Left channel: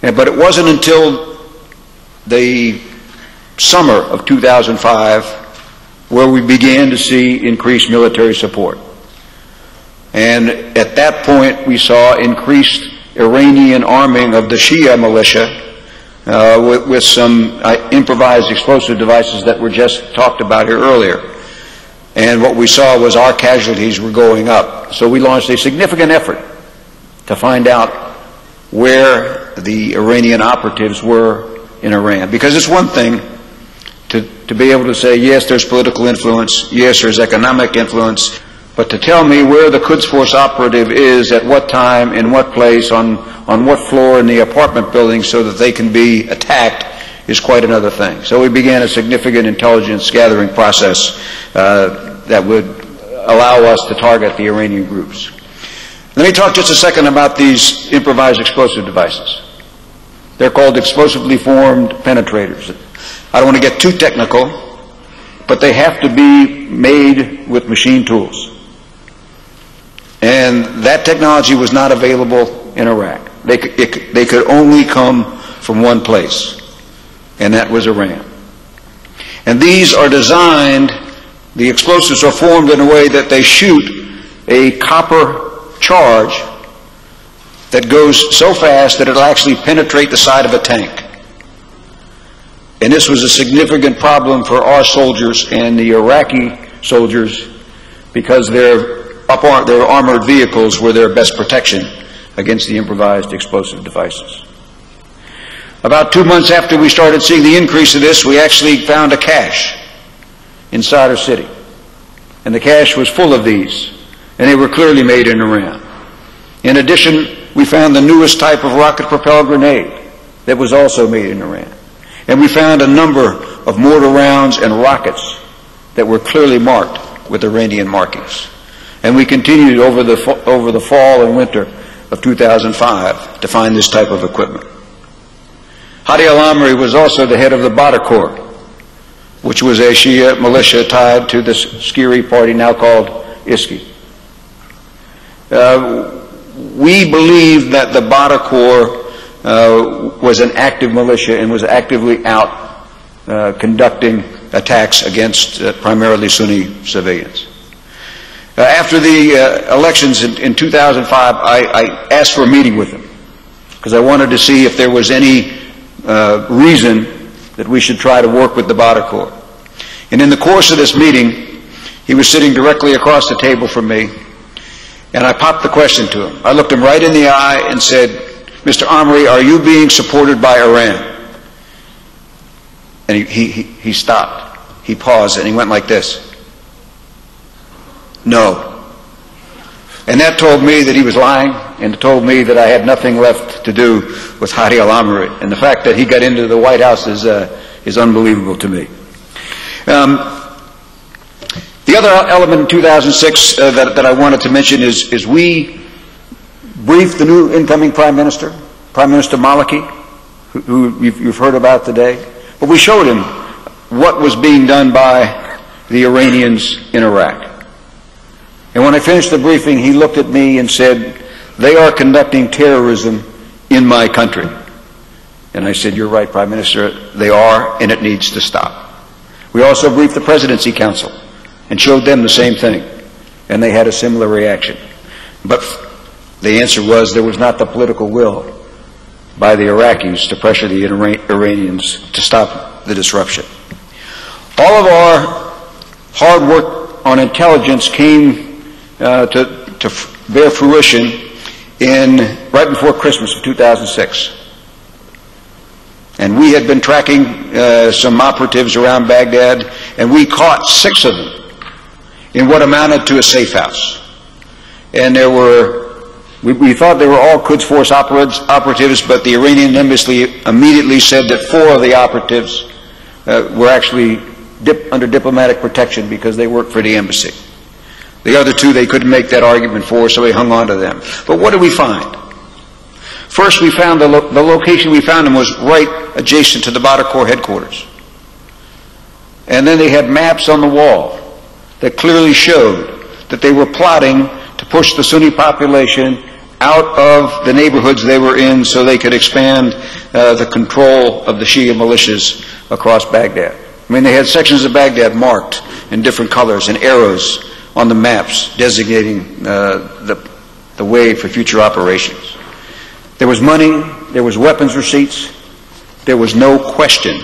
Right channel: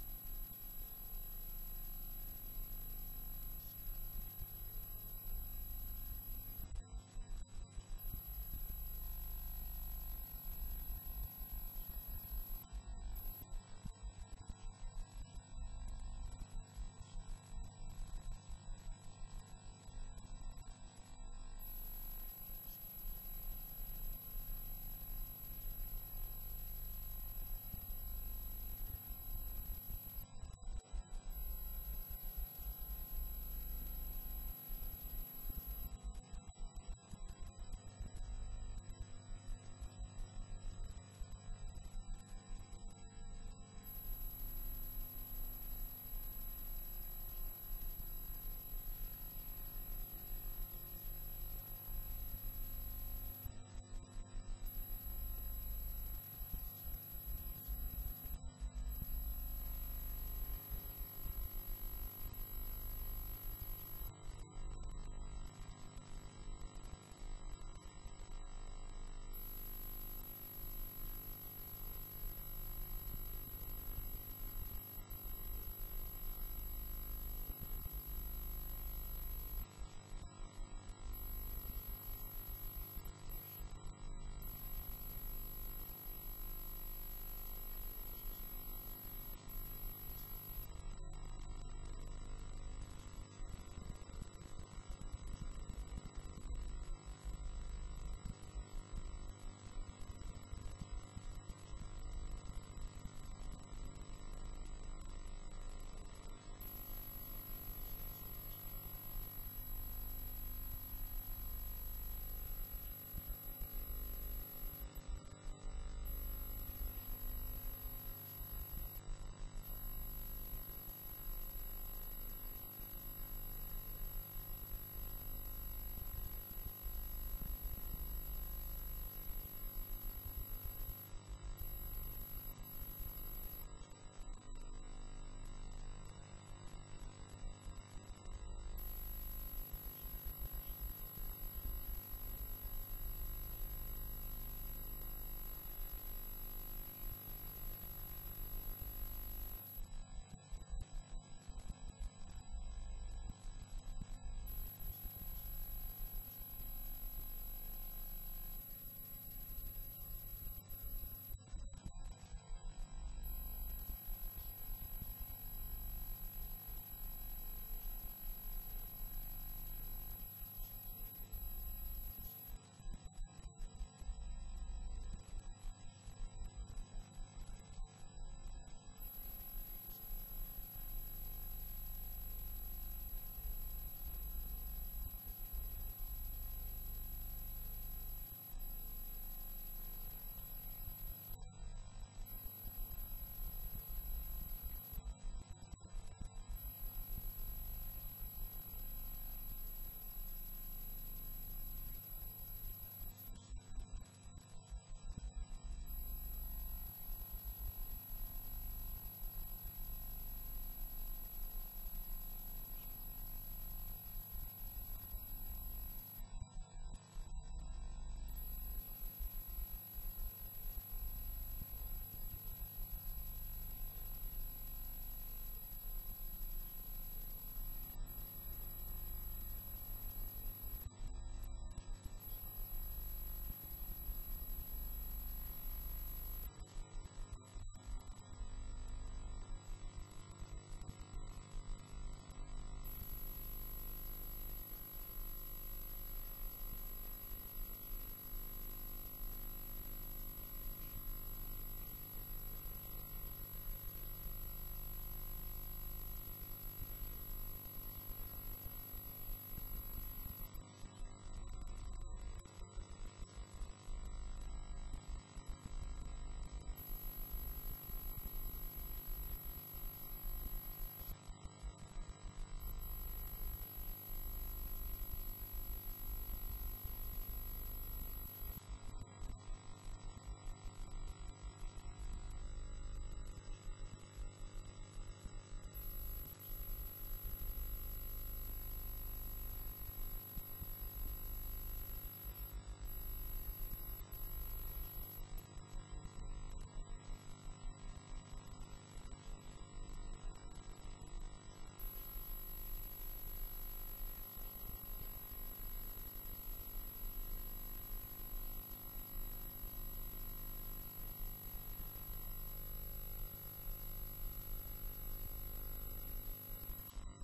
But it wasn't until the summer of 2005 where we began to see increased military support. And at that point we saw increased Iranian arming of the Shia militia with some improvised explosive devices that were just talked about here earlier. And what we saw was our casualties were going up. So we launched a significant effort to find out where the Iranian operatives were in Iran. Because it's one thing to be able to say, yes, there's political influence, yes, there's economic influence, but to tell me where the Quds Force operative is, at what time, in what place, on what floor in the apartment building so that they can be attacked is quite another thing. So we began a significant intelligence gathering process that would allow us to target the Iranian groups. Let me talk just a second about these improvised explosive devices. They're called explosively formed penetrators. I don't want to get too technical, but they have to be made with machine tools. And that technology was not available in Iraq. They could only come from one place, and that was Iran. And these are designed, the explosives are formed in a way that they shoot a copper charge that goes so fast that it'll actually penetrate the side of a tank. And this was a significant problem for our soldiers and the Iraqi soldiers because their armored vehicles were their best protection against the improvised explosive devices. About 2 months after we started seeing the increase of this, we actually found a cache inside our city. And the cache was full of these, and they were clearly made in Iran. In addition, we found the newest type of rocket-propelled grenade that was also made in Iran. And we found a number of mortar rounds and rockets that were clearly marked with Iranian markings. And we continued over the fall and winter of 2005 to find this type of equipment. Hadi al-Amri was also the head of the Badr Corps, which was a Shia militia tied to the Skiri party now called ISKI. We believe that the Badr Corps was an active militia and was actively out conducting attacks against primarily Sunni civilians. After the elections in 2005, I asked for a meeting with him because I wanted to see if there was any reason that we should try to work with the Badr Corps. And in the course of this meeting, he was sitting directly across the table from me, and I popped the question to him. I looked him right in the eye and said, Mr. Amri, are you being supported by Iran? And he stopped. He paused and he went like this. No. And that told me that he was lying, and it told me that I had nothing left to do with Hadi al-Amri. And the fact that he got into the White House is unbelievable to me. The other element in 2006 that I wanted to mention is we briefed the new incoming Prime Minister Maliki, who you've heard about today. But we showed him what was being done by the Iranians in Iraq. And when I finished the briefing, he looked at me and said, they are conducting terrorism in my country. And I said, you're right, Prime Minister, they are, and it needs to stop. We also briefed the Presidency Council and showed them the same thing, and they had a similar reaction. But the answer was there was not the political will by the Iraqis to pressure the Iranians to stop the disruption. All of our hard work on intelligence came to bear fruition right before Christmas of 2006. And we had been tracking some operatives around Baghdad, and we caught 6 of them in what amounted to a safe house. And there were, we thought they were all Quds Force operatives, but the Iranian embassy immediately said that 4 of the operatives were actually under diplomatic protection because they worked for the embassy. The other 2 they couldn't make that argument for, so we hung on to them. But what did we find? First, we found the location we found them was right adjacent to the Badr Corps headquarters. And then they had maps on the wall that clearly showed that they were plotting to push the Sunni population out of the neighborhoods they were in so they could expand the control of the Shia militias across Baghdad. I mean, they had sections of Baghdad marked in different colors and arrows on the maps designating the way for future operations. There was money, there was weapons receipts, there was no question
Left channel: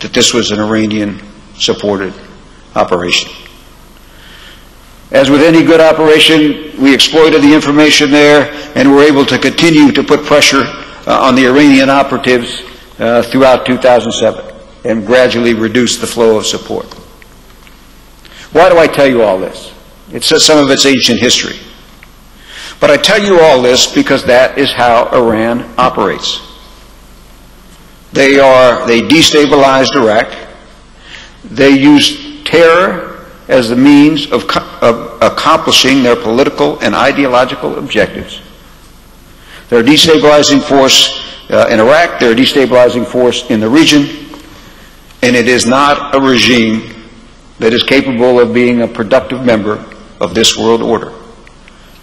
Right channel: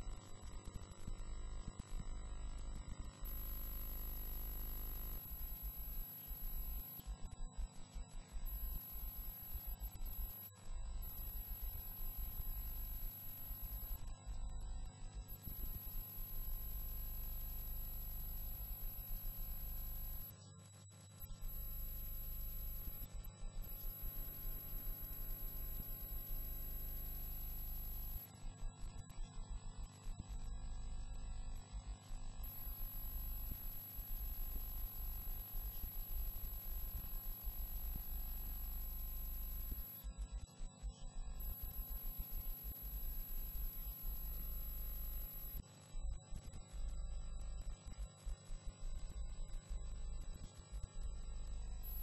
that this was an Iranian-supported operation. As with any good operation, we exploited the information there and were able to continue to put pressure on the Iranian operatives throughout 2007 and gradually reduce the flow of support. Why do I tell you all this? It's some of its ancient history. But I tell you all this because that is how Iran operates. They destabilized Iraq. They used terror as the means of accomplishing their political and ideological objectives. They're a destabilizing force in Iraq, they're a destabilizing force in the region, and it is not a regime that is capable of being a productive member of this world order.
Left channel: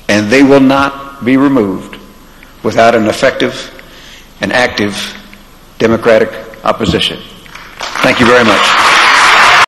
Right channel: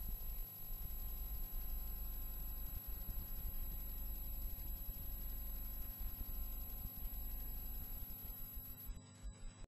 And they will not be removed without an effective and active democratic opposition. Thank you very much.